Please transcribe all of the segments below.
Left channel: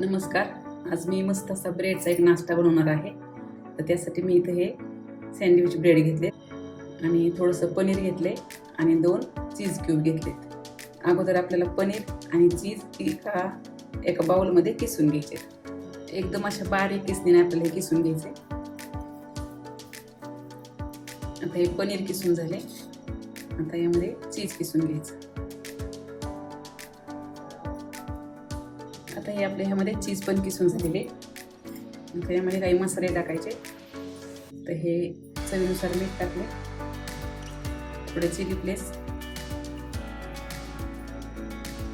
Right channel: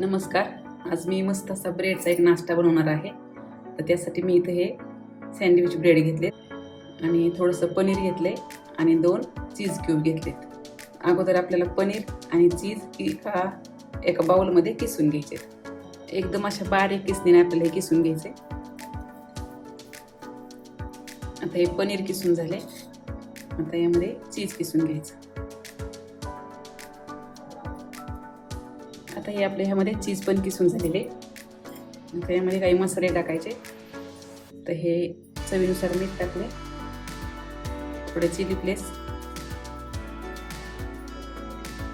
नमस्कार. आज मी मस्त असा ब्रेडचा एक नाश्ता बनवणार आहे. तर त्यासाठी मी इथे हे सँडविच ब्रेड घेतले आणि थोडंसं पनीर घेतले आणि 2 चीज क्यूब घेतलेत. अगोदर आपल्याला पनीर आणि चीज एका बाउलमध्ये किसून घ्यायचे. एकदम अशा बारीक किसणीने आपल्याला हे किसून घ्यायचे. आता हे पनीर किसून झाले. आता यामध्ये चीज किसून घ्यायचं. आता हे आपल्या ह्यामध्ये चीज पण किसून झालेले. आता यामध्ये काही मसाले टाकायचे. तर हे चवीनुसार मीठ टाकले, थोडे चिली फ्लेक्स,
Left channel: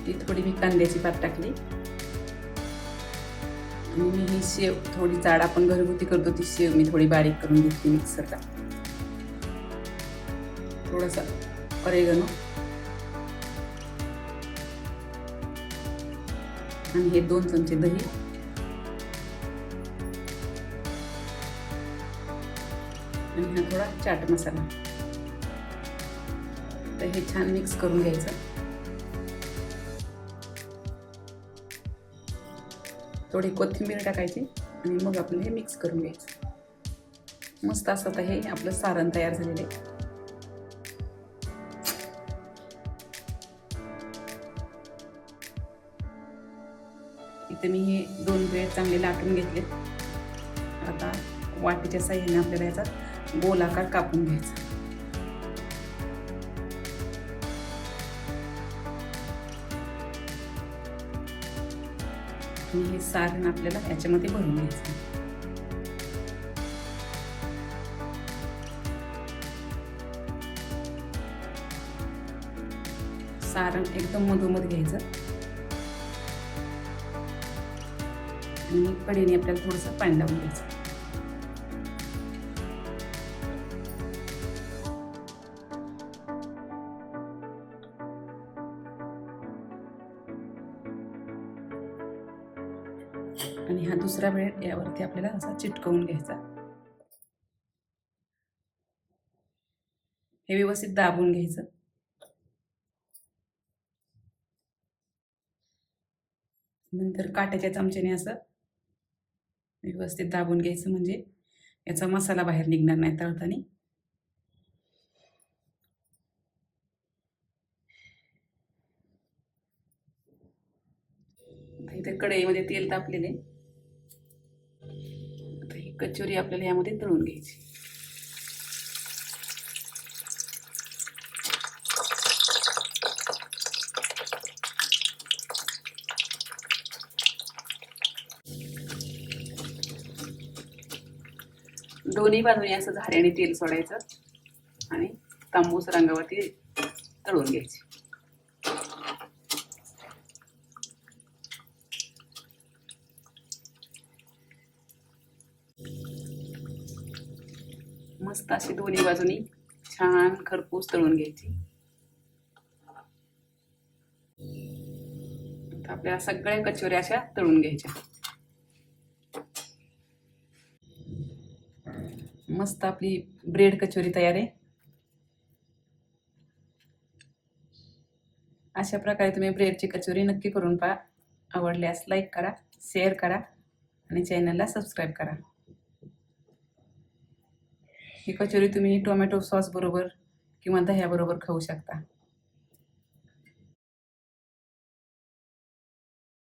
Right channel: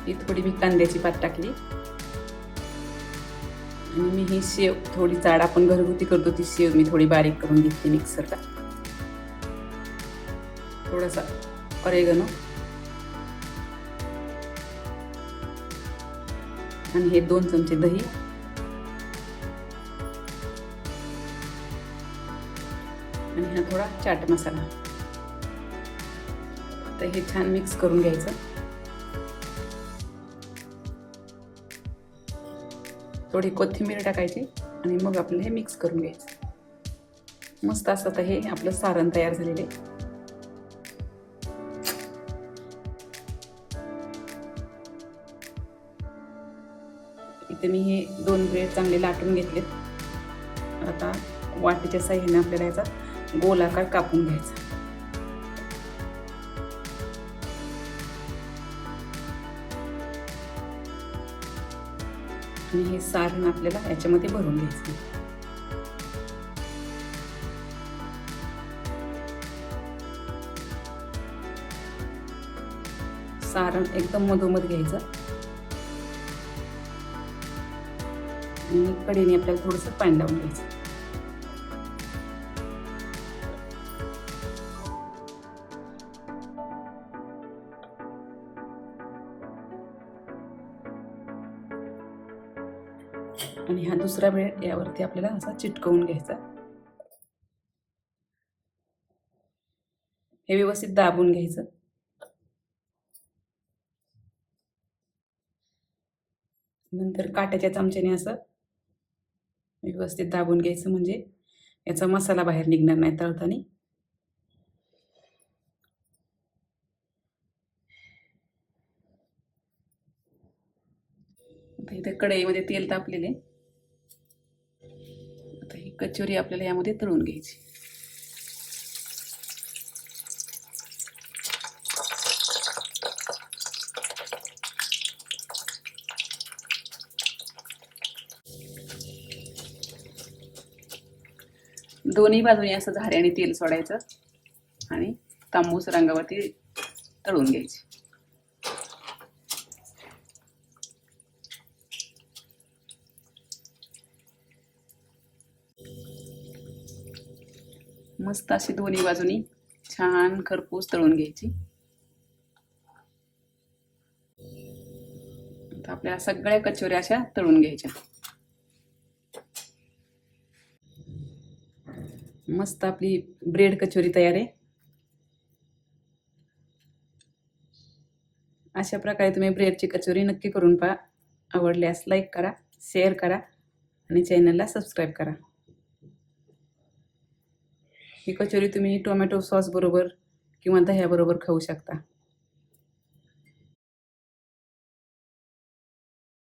ती थोडी मी कांद्याची पात टाकली आणि मी ही शेव थोडी जाड आपण घरगुती करतो ती शेव मी थोडी बारीक करून घेतली मिक्सरला. थोडासा ऑरेगनो आणि हे 2 चमचे दही आणि हा थोडा चाट मसाला. तर हे छान मिक्स करून घ्यायचं. थोडी कोथिंबीर टाकायची आणि मग आपलं हे मिक्स करून घ्यायचं. मस्त असं तर हे आपलं सारण तयार झालेलं आहे. इथे मी हे 2 ब्रेड चांगले लाटून घेतले. आता वाटीच्या साह्याने आपल्याला याचा गोलाकार कापून घ्यायचा. आणि हे सारण आपल्याला याच्यामध्ये भरून घ्यायचं. सारण एकदम मधोमध घ्यायचं आणि कढईने आपल्याला थोडंसं पाणी लावून घ्यायचं. आणि हा दुसरा ब्रेड यावरती आपल्याला असा चिटकवून घ्यायचा. हे व्यवस्थित दाबून घ्यायचं. नंतर काट्याच्या चमच्याने असं व्यवस्थित दाबून घ्यायचं, म्हणजे याचा मसाला बाहेर निघणार नाही तळताना. इथे कढईमध्ये तेल तापलेले. आता ही कचोरी आपल्याला यामध्ये तळून घ्यायची. दोन्ही बाजूने असं झाऱ्याने तेल सोडायचं आणि तांबूस रंगावरती तळून घ्यायची. मस्त अशी दोन्ही बाजूनी छान खरपूस तळून घ्यायची. आता आपल्या सगळ्या कचोऱ्या अशा तळून घ्यायच्या. मस्त आपली ब्रेड कचोरी तयार आहे. अशा प्रकारे तुम्ही ब्रेडची कचोरी नक्की करून पहा. आवडल्यास लाईक करा, शेअर करा आणि चॅनलला सबस्क्राईब करा. ही कचोरी तुम्ही टोमॅटो सॉस बरोबर किंवा दह्याबरोबर खाऊ शकता.